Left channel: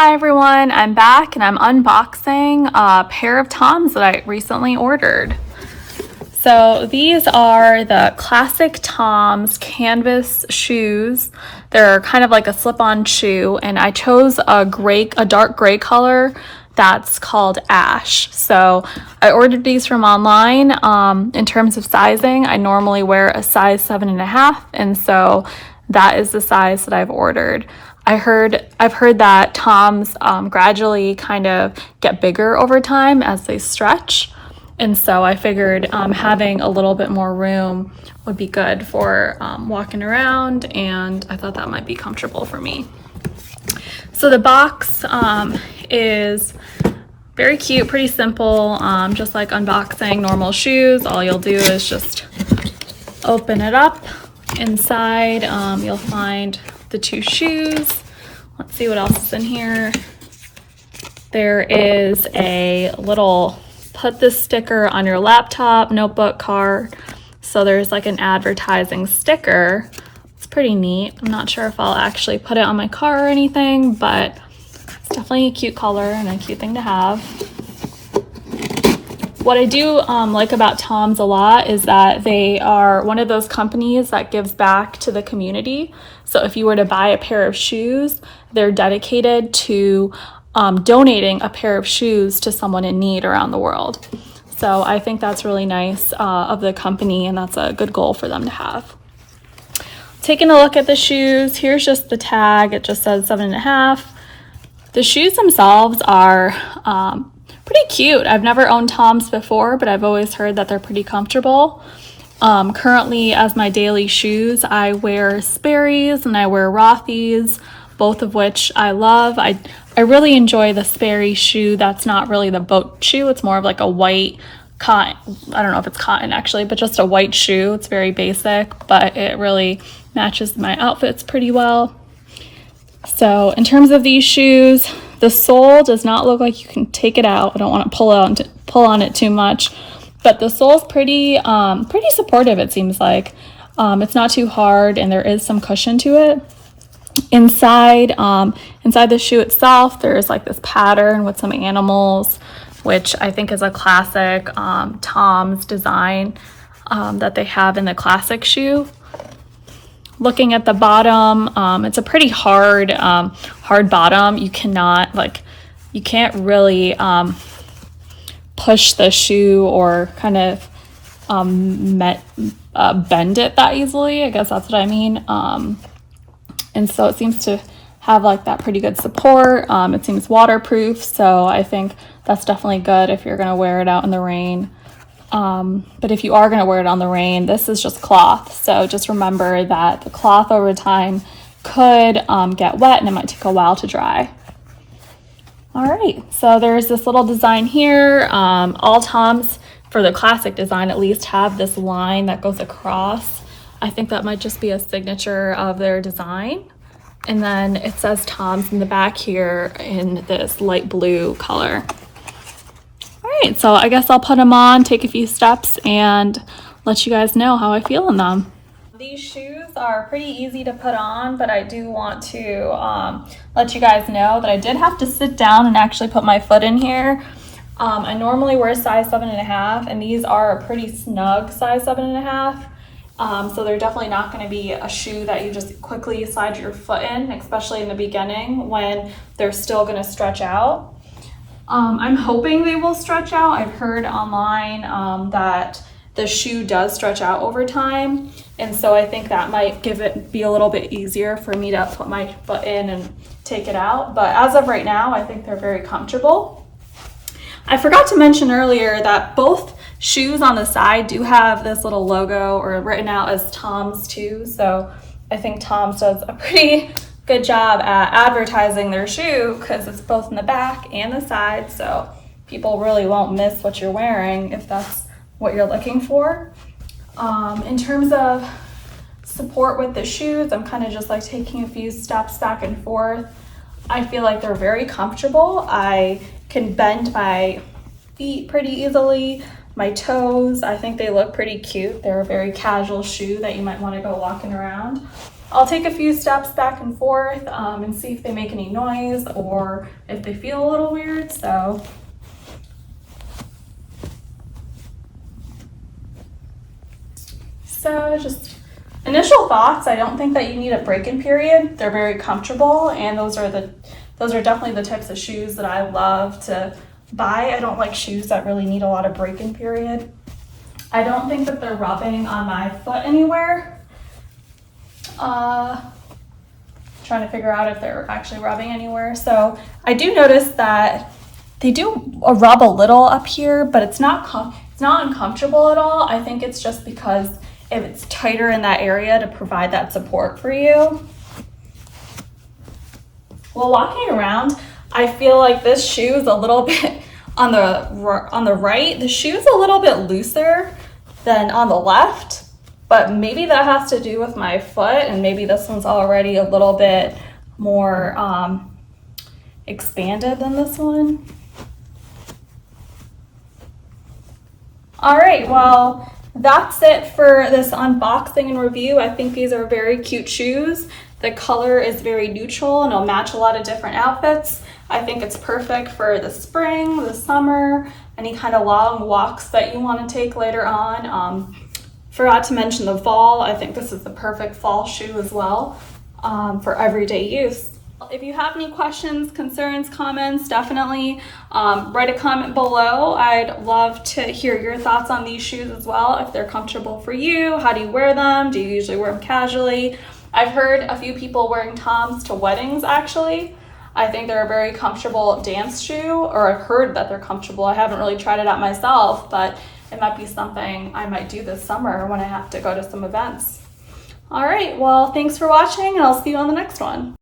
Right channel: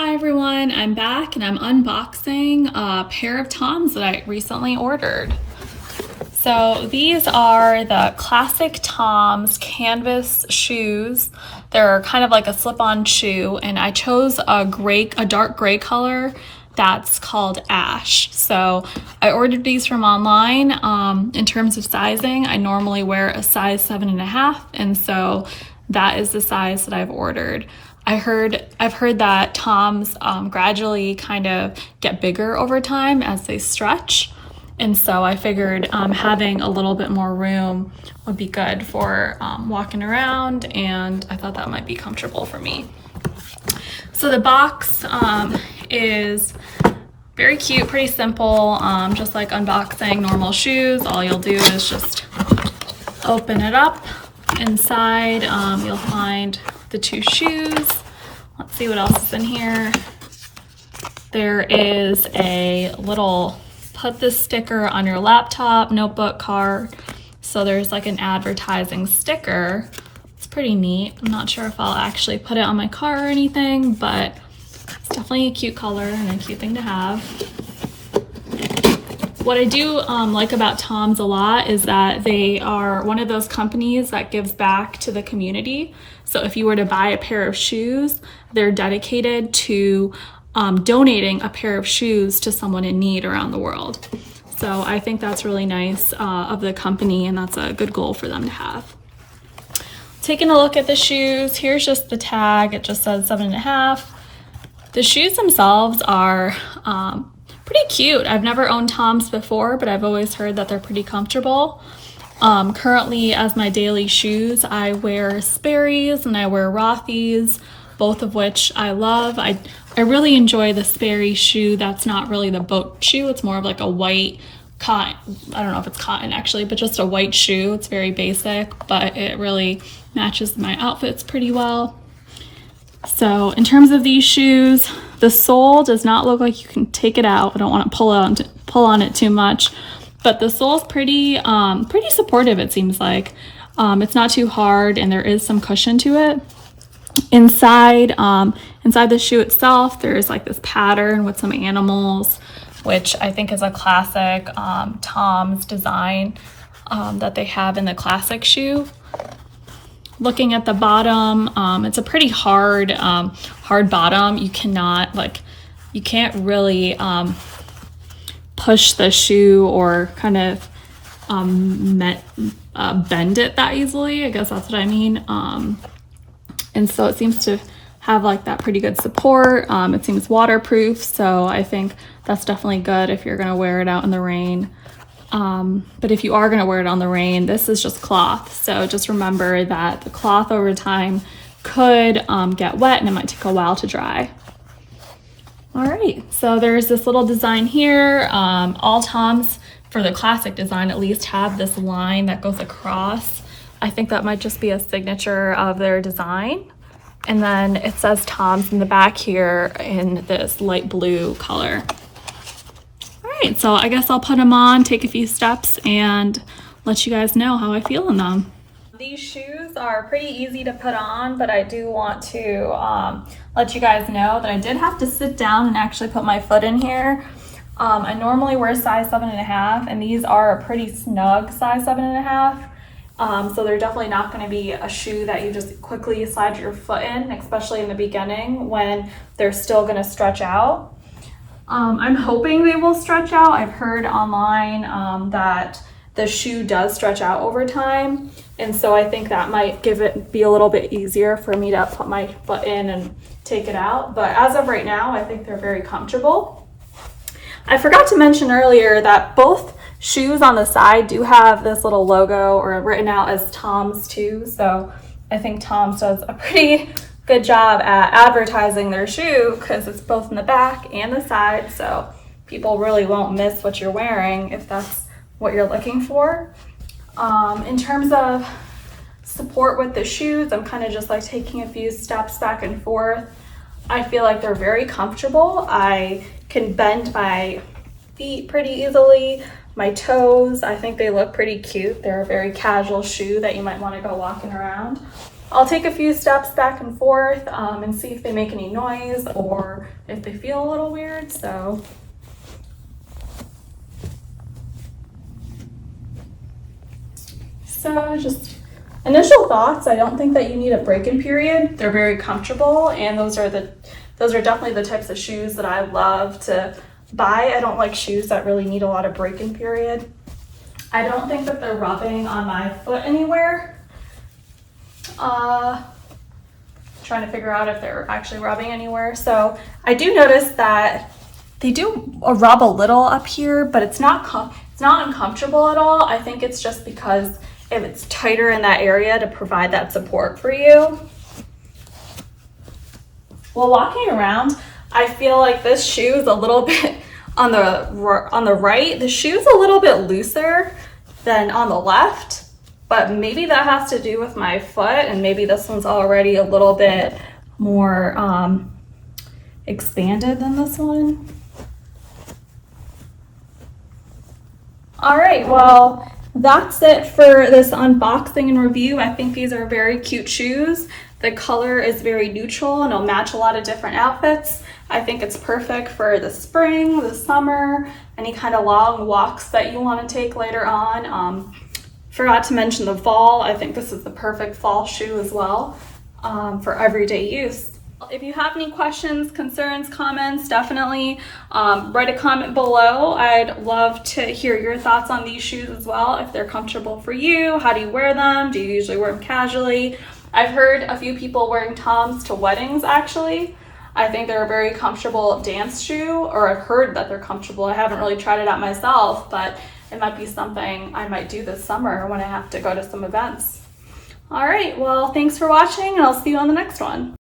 Hi everyone, I'm back and I'm unboxing a pair of TOMS that I recently ordered. So these are the classic TOMS canvas shoes. They're kind of like a slip-on shoe, and I chose a dark gray color that's called Ash. So I ordered these from online. In terms of sizing, I normally wear a size 7.5, and so that is the size that I've ordered. I've heard that TOMS gradually kind of get bigger over time as they stretch. And so I figured having a little bit more room would be good for walking around, and I thought that might be comfortable for me. So the box is very cute, pretty simple, just like unboxing normal shoes. All you'll do is just open it up. Inside, you'll find the two shoes. Let's see what else is in here. There is a little put this sticker on your laptop, notebook, card. So there's like an advertising sticker. It's pretty neat. I'm not sure if I'll actually put it on my car or anything, but it's definitely a cute color and a cute thing to have. What I do like about TOMS a lot is that they are one of those companies that gives back to the community. So if you were to buy a pair of shoes, they're dedicated to donating a pair of shoes to someone in need around the world. So I think that's really nice of the company, and that's a good goal for them to have. Taking a look at the shoes, here's just the tag. It just says 7.5. The shoes themselves are pretty cute. I've never owned TOMS before, but I've always heard that they're pretty comfortable. Currently, as my daily shoes, I wear Sperry's and I wear Rothy's, both of which I love. I really enjoy the Sperry shoe. That's not really the boat shoe. It's more of like a white cotton. I don't know if it's cotton actually, but just a white shoe. It's very basic, but it really matches my outfits pretty well. So in terms of these shoes, the sole does not look like you can take it out. I don't want to pull on it too much, but the sole's pretty supportive, it seems like. It's not too hard, and there is some cushion to it. Inside the shoe itself, there's like this pattern with some animals, which I think is a classic TOMS design that they have in the classic shoe. Looking at the bottom, it's a pretty hard bottom. You can't really push the shoe or kind of bend it that easily. I guess that's what I mean. And so it seems to have like that pretty good support. It seems waterproof, so I think that's definitely good if you're gonna wear it out in the rain. But if you are going to wear it on the rain, this is just cloth. So just remember that the cloth over time could get wet, and it might take a while to dry. All right, so there's this little design here. All TOMS, for the classic design at least, have this line that goes across. I think that might just be a signature of their design. And then it says TOMS in the back here in this light blue color. Alright, so I guess I'll put them on, take a few steps, and let you guys know how I feel in them. These shoes are pretty easy to put on, but I do want to let you guys know that I did have to sit down and actually put my foot in here. I normally wear size 7.5, and these are a pretty snug size 7.5. So they're definitely not going to be a shoe that you just quickly slide your foot in, especially in the beginning when they're still going to stretch out. I'm hoping they will stretch out. I've heard online that the shoe does stretch out over time, and so I think that might be a little bit easier for me to put my foot in and take it out. But as of right now, I think they're very comfortable. I forgot to mention earlier that both shoes on the side do have this little logo or written out as TOMS too, so I think TOMS does a pretty good job at advertising their shoe because it's both in the back and the side, so people really won't miss what you're wearing if that's what you're looking for. In terms of support with the shoes, I'm kind of just like taking a few steps back and forth. I feel like they're very comfortable. I can bend my feet pretty easily. my toes. I think they look pretty cute. They're a very casual shoe that you might want to go walking around. I'll take a few steps back and forth and see if they make any noise or if they feel a little weird. So just initial thoughts. I don't think that you need a break-in period. They're very comfortable, and those are definitely the types of shoes that I love to buy. I don't like shoes that really need a lot of break-in period. I don't think that they're rubbing on my foot anywhere. Trying to figure out if they're actually rubbing anywhere. So I do notice that they do rub a little up here, but it's not uncomfortable at all. I think it's just because if it's tighter in that area to provide that support for you. While walking around, I feel like this shoe is a little bit on the right. The shoe's a little bit looser than on the left, but maybe that has to do with my foot, and maybe this one's already a little bit more expanded than this one. All right, well, that's it for this unboxing and review. I think these are very cute shoes. The color is very neutral and it'll match a lot of different outfits. I think it's perfect for the spring, the summer, any kind of long walks that you want to take later on. Forgot to mention the fall. I think this is the perfect fall shoe as well for everyday use. If you have any questions, concerns, comments, definitely write a comment below. I'd love to hear your thoughts on these shoes as well. If they're comfortable for you, how do you wear them? Do you usually wear them casually? I've heard a few people wearing TOMS to weddings actually. I think they're a very comfortable dance shoe, or I've heard that they're comfortable. I haven't really tried it out myself, but it might be something I might do this summer when I have to go to some events. All right, well, thanks for watching, and I'll see you on the next one.